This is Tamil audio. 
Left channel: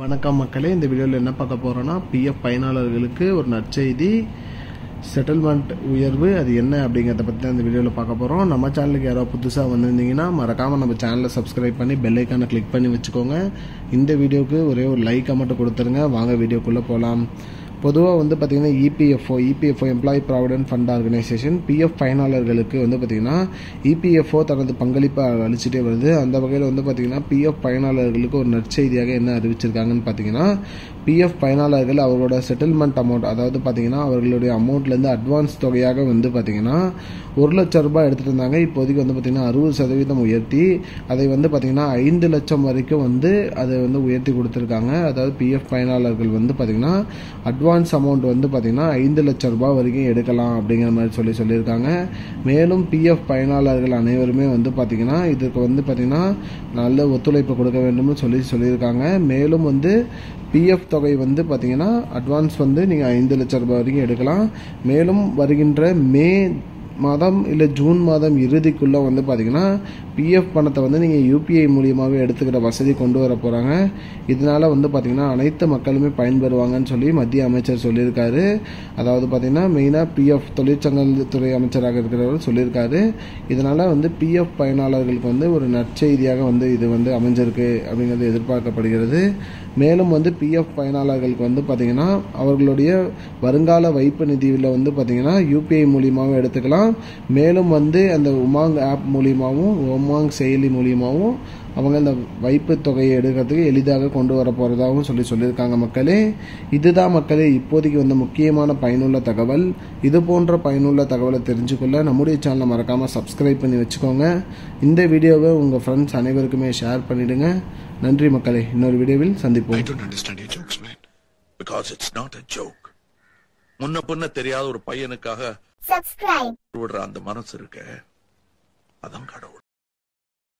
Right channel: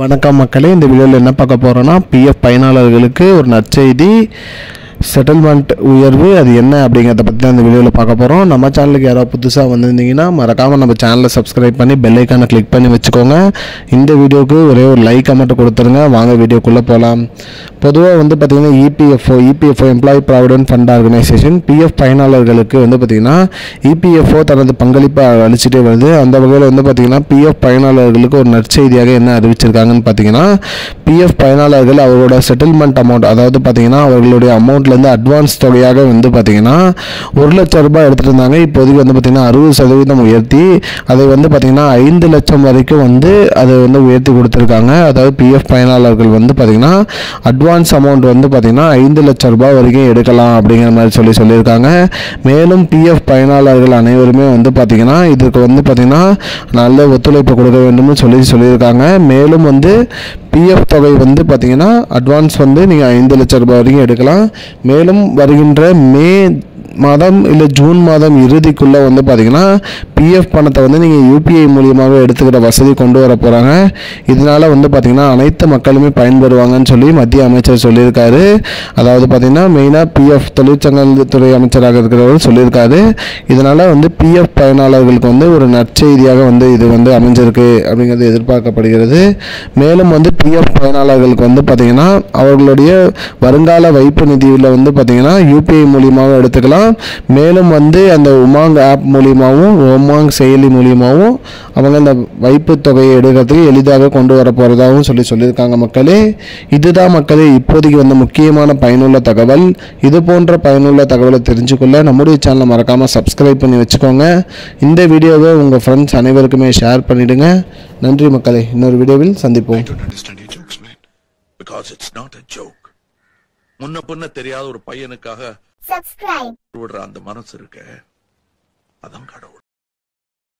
வணக்கம் மக்களே, இந்த வீடியோவில் என்ன பார்க்க போகிறோன்னா பிஎஃப் பயனாளர்களுக்கு ஒரு நற்செய்தி, செட்டில்மெண்ட் உயர்வு அது என்ன அப்படிங்கிறத பற்றி தான் இந்த வீடியோவில் பார்க்க போகிறோம். நம்ம சேனலுக்கு யாராவது புதுசாக வந்திருந்தீங்கன்னா மறக்காமல் நம்ம சேனலை சப்ஸ்கிரைப் பண்ணி பெல் ஐக்கானை கிளிக் பண்ணி வச்சுக்கோங்க. இந்த வீடியோவுக்கு ஒரே ஒரு லைக் மட்டும் கொடுத்துருங்க. வாங்க வீடியோக்குள்ளே போகலாம். பொதுவாக பார்த்திங்கன்னா EPFO employee provident fund organisation PF பயனாளர்களுக்கு பார்த்திங்கன்னா இபிஎஃப்ஓ தனது பங்களிப்பை அளிச்சுட்டே வருது. அந்த வகையில் பார்த்திங்கன்னா பிஎஃப் பயனாளர்களுக்கு ஒரு நற்செய்தியாக என்ன அறிவிச்சிருக்காங்கன்னு பார்த்திங்கன்னா, பிஎஃப் பயனாளர்கள் அவர்களோட செட்டில்மெண்ட் அமௌண்ட், அதாவது பார்த்திங்கன்னா அவர்களுடைய அமௌண்ட்லேருந்து அட்வான்ஸ் தொகையாக பார்த்திங்கன்னா 1 லட்சம் ரூபாய் எடுத்துகிட்டு இருந்தாங்க. இப்போதைக்கு பார்த்திங்கன்னா 60% உயர்த்தி அதை பார்த்திங்கன்னா 5 லட்சம் வரைக்கும் அதை உயர்த்தி கொடுத்துருக்காங்க. அதாவது பிஎஃப் பயனாளர்கள் பார்த்திங்கன்னா அட்வான்ஸ் அமௌண்ட் பார்த்திங்கன்னா 5 லட்சம் ரூபாய் வரைக்கும் எடுக்கலாம் அப்படிங்கிற மாதிரி சொல்லியிருக்காங்க. மேலும் பிஎஃப் பயனாளர்கள் அனைவருமே பார்த்திங்கன்னா இதுக்கு பார்த்திங்கன்னா நல்ல ஒத்துழைப்பு கொடுக்க வேண்டும்னு சொல்லியிருக்காங்க. மேலும் பிஎஃப் தொகை பார்த்திங்கன்னா அட்வான்ஸ் நீங்கள் 5 லட்சம் ரூபாய் வரைக்கும் எடுக்கலாம். மேலும் வருகின்ற மே மாதம் இல்லை ஜூன் மாதம் இறுதிக்குள்ளே பார்த்திங்கன்னா பிஎஃப் பணத்தை நீங்கள் யூபிஐ மூலியமாக எடுத்துக்கிற வசதி கொண்டு வர போகிறாங்க. இதனால் பார்த்திங்கன்னா அனைத்து மக்களுமே பயன்பெறுவாங்கன்னு சொல்லி மத்திய அமைச்சர் சொல்லியிருக்காரு. அதாவது பார்த்திங்கன்னா மெயினாக பிஎஃப் தொழிற்சங்கத்துறை அமைச்சராக இருக்கிறவர் சொல்லியிருக்காரு. இதனால் பிஎஃப் பயனாளர்களுக்கு ஒரு நற்செய்தியாக இது அமைஞ்சிருக்கு அப்படிங்கிறது எதிர்பார்க்கப்படுகிறது. மேலும் பிஎஃப் பயனாளர்களுக்கு பார்த்திங்கன்னா அவர்களுடைய வருங்கால வைப்பு நிதியில் பார்த்திங்கன்னா யூபிஐ மூலியமாக எடுத்துக்கலாம். மேலும் அந்த உமாங் ஆப் மூலியமாகவும் உமாங் செயலி மூலியமாகவும் அவங்க அந்த வைப்பு தொகையை எடுக்கிறதுக்கு எளிதாக கொண்டு வர போகிறதாகவும் சொல்லியிருக்காங்க. மக்களே, இதுதான் மக்களே இப்போதைக்கு முக்கியமான பயனுள்ள தகவல். இது போன்ற பயனுள்ள தகவலை தெரிஞ்சுக்கொள்ள நம்முடைய சேனலை மறக்காமல் சப்ஸ்கிரைப் பண்ணி வச்சுக்கோங்க. இந்த வீடியோவை உங்கள் ஃப்ரெண்ட்ஸ் அனைவருக்குமே ஷேர் பண்ணிவிடுங்க. நன்றி மக்களே, இன்னொரு வீடியோவில் சந்திப்போம். முன்ன பின்ன தெரியாத ஒரு பையனுக்காக சப்ஸ்கிரைப் விடுற அந்த மனசு இருக்க, அதான் கடவுள்.